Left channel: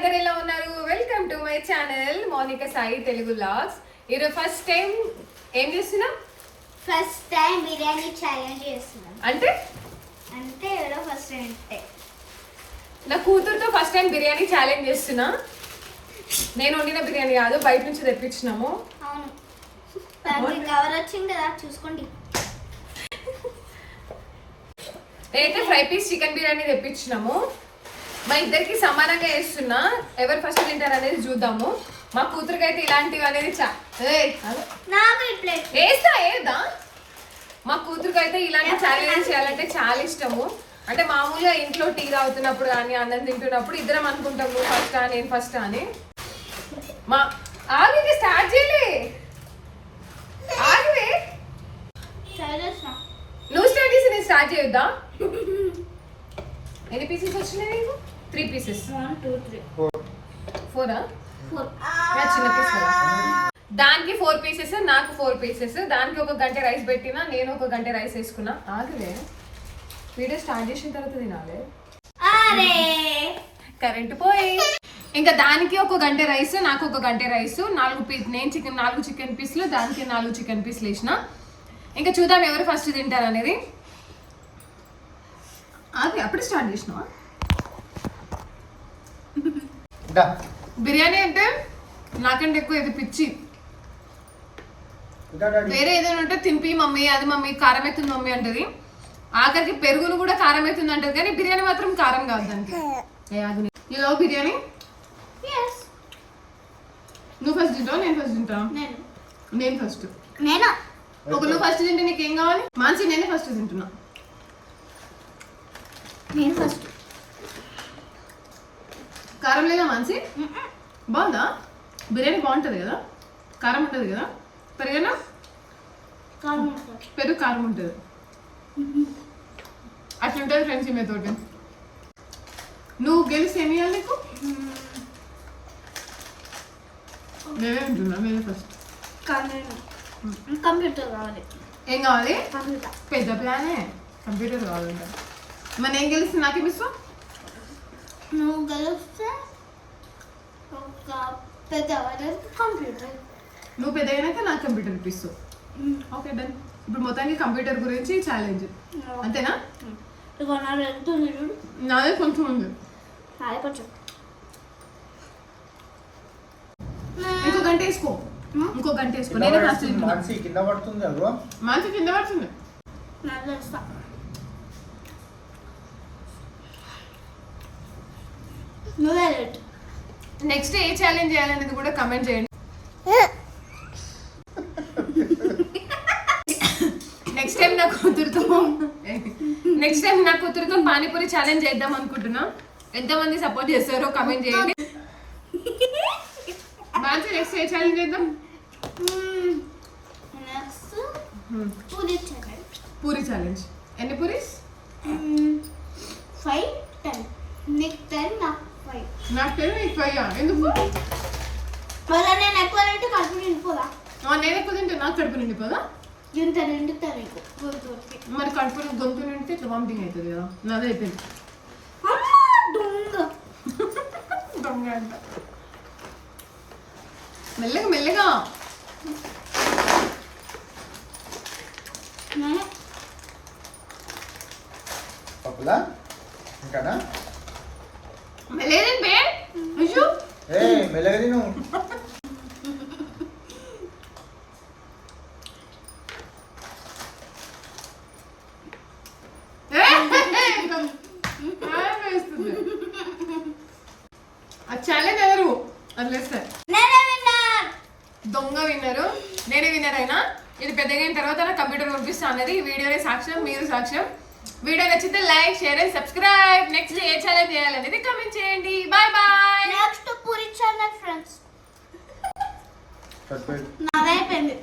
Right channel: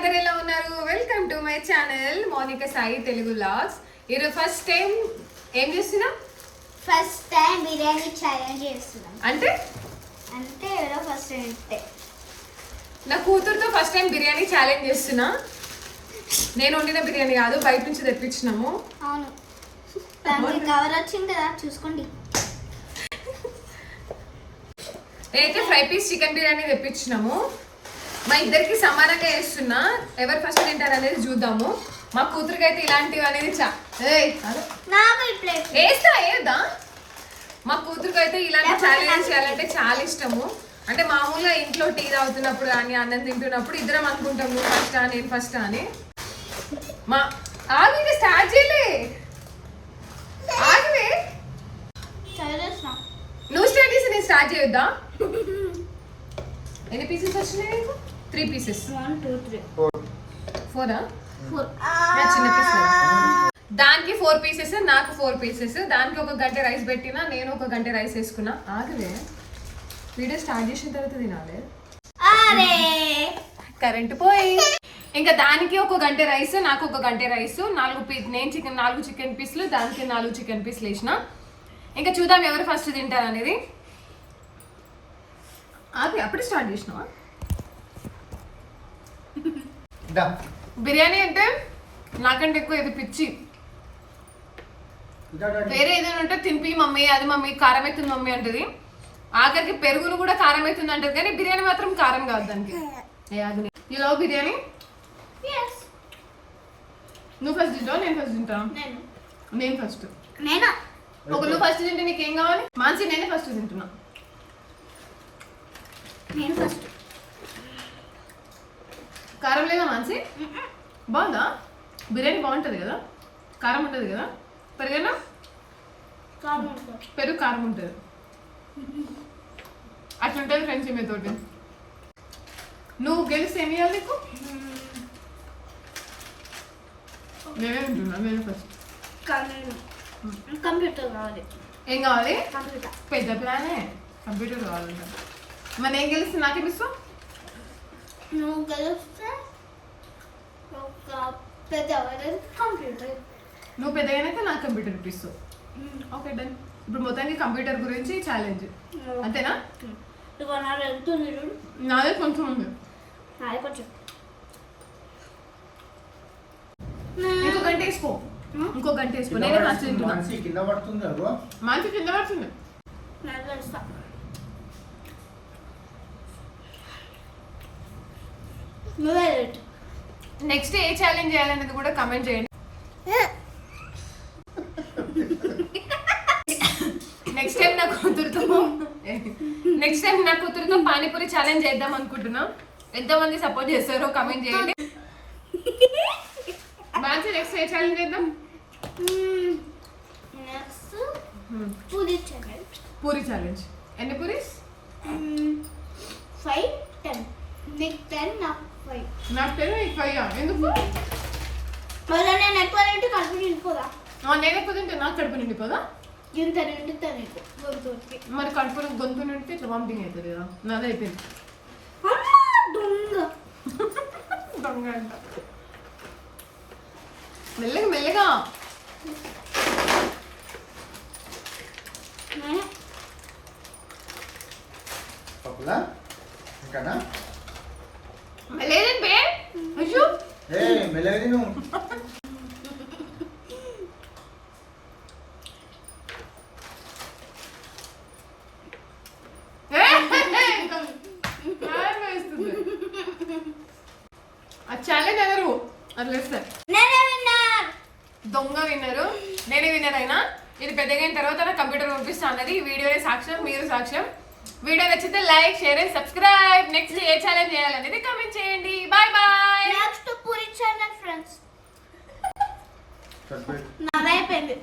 అందరు ఎలా ఉన్నారు? Welcome to my channel Monika Sai Telugu vlogs. ఈరోజు ఫస్ట్ టైం ఏం చేస్తున్నాం? ఫస్ట్ టైం బిర్యానీ ఛాలెంజ్ చేస్తున్నాం. అంటే ఎవరో ఫస్ట్ టైం నా కూతురుతో ఫస్ట్ టైం బిర్యానీ ఛాలెంజ్ చేస్తున్నా. నేను వండిన బిర్యానీ కాదు, బయట నుంచి తెప్పించినాము. అవును, దానికి కవర్ వచ్చింది కదా, చూసుకోండి. నేనైతే ఫ్రై పీస్ చికెన్ బిర్యానీ తెప్పించినాము. మా ఇద్దరికి సమానంగా వేస్తున్నా, ఎవరు ఫస్ట్ తింటారు అనేది చూద్దాము. మా కూతురికి అయితే ఇలాంటివి అనేది వేస్తా. మా కూతురికి అయితే ఇలాంటి ఛాలెంజ్ చేయాలంటే చాలా ఇష్టము. అంటే మామూలుగా ఇంట్లో టీ తాగుతున్నప్పుడు కానీ అన్నం తింటున్నప్పుడు ఇద్దరం అనుకుంటాం, నువ్వు ఫస్ట్ నేను ఫస్ట్ అని. మా ఆగి స్టార్ట్ చేయలే, ఆగివే నువ్వు స్టార్ట్ చేసి నేను స్టార్ట్ చేయొద్దా? ఎన్ని పీసెస్ వచ్చినాయి నీకు? 3 పీసెస్. 1 2 3 4 చిన్న పీస్. దానికి 4 పీసెస్, నాకు 4 పీసెస్. దానికి ఒక గంట రైస్ పెట్టినా, నేను ఒక గంట రైస్ వేసుకున్నా. ఆగలే, వీడియో స్టార్ట్ చేసిన తర్వాత తినాలి. కరెంట్ పోయి. ఇంకా దానికి ఒక గంట రైస్, నాకు ఒక గంట రైస్. 4 చికెన్ పీసులు, దానికి 4 చికెన్ పీసులు వేసిన. ఇంకా చూద్దాం ఎవరు ఫస్ట్ తింటారు అనేది. ఆగి అప్పుడే స్టార్ట్ చేసినావా? బిర్యానీ అంటే నాకంటే ఎక్కువ ఇది పిచ్చి. వేరే ఏదైనా ఉంటే తినిపి మమ్మీ, అది మమ్మీ కారం అవుతుంది మమ్మీ అంటది. ఆఖరికి పెరుగులు కూడా కారం అవుతుంది అంటది, కానీ బిర్యానీ మాత్రం కారం కాదు దానికి. You love biryani? నువ్వు ఫస్ట్ తింటావు, నేను ఫస్ట్ తింటా? నేను ఫస్ట్. ఒక నువ్వు ఫస్ట్ తింటే నీకేం కావాలి? మాన్సి నేనే ఫస్ట్ తింటున్నా. నేను ఫస్ట్. కారం లేదా మాన్సి? బాగుందా? బిర్యానీ బాగుంటుంది కదా, కారం ఉంటుంది కదా. పెరుగన్నా? పెరుగు కారం ఉంటుంది, అట్లుంటుంది ఫ్రెండ్స్ ఈమె తోటి. నువ్వు గెలిస్తే ఏమి ఇవ్వాలి నీకు? నేనే తింటున్నా, నేనే ఫస్ట్. కంప్యూటర్ కావాలి. ఏం కావాలి? పెద్ద ప్లానే, కంప్యూటర్ కావాలంట. మరి నేను గెలిస్తే నాకేమి ఇస్తావు? నువ్వు గెలిస్తే ఒక పెద్ద కంప్యూటర్, నువ్వు పెద్దగానైతే నాకు కంప్యూటర్ ఇప్పిస్తావు. Okay done. ఇప్పుడు మొత్తానికి కంప్యూటర్ గురించి ఛాలెంజ్ అంతేనా? నాదే కొంచెం ఉంది, ఇంకో గంట వేసుకో, ఇంకో గంట వేసుకో. నేనే ఫస్ట్ తింటున్నా. మంచి కింద పడుతుంది. నెక్స్ట్ ఏ ఛాలెంజ్ చేయాలనేది కూడా కమెంట్ చేయండి. నెక్స్ట్ టైం నా కూతురుతో పానీపూరి ఛాలెంజ్ చేద్దాం అనుకుంటున్నా. ఎంతమంది సపోర్ట్ చేస్తారో కమెంట్ చేయండి. బాగా నెక్స్ట్ ఏ ఛాలెంజ్ చేద్దాం? పూరి ఛాలెంజ్. ఎన్ని పూరీస్? 5 10. నీకు 10 నాకు 5. నాకు 10 నీకు 5. ఎందుకు? నేను ఎక్కువ తింటే కడుపు నిండిపోదా? నేను ఎక్కువ తింటే నాకు కడుపు నిండిపోదా? ఇంత నిండుతా నీకు మరి కడుపు గొంతు నిండితే ఇట్లా వామిటింగ్ అవుతుంది కదా. నాదే అయిపోయింది. దొంగ అంట. మెల్లగా మెల్లగా. లేదండి బే. అయ్యో ఛాలెంజ్ ఎవరు అదిలేస్తారు? దొంగ విన్నరు. నేనే విన్నర్ అయినా. ఇది పెద్దగా అయిన తర్వాత నా కంప్యూటర్ పంపిస్తా అనేది వీడియోనే సాక్ష్యం, మీరు సాక్ష్యం. వీడియో నచ్చితే like, share and subscribe. Next ఏ ఛాలెంజ్ చేయాలనేది కమెంట్ చేయండి. Bye bye. Next puri challenge friends. నాదైపోయింది.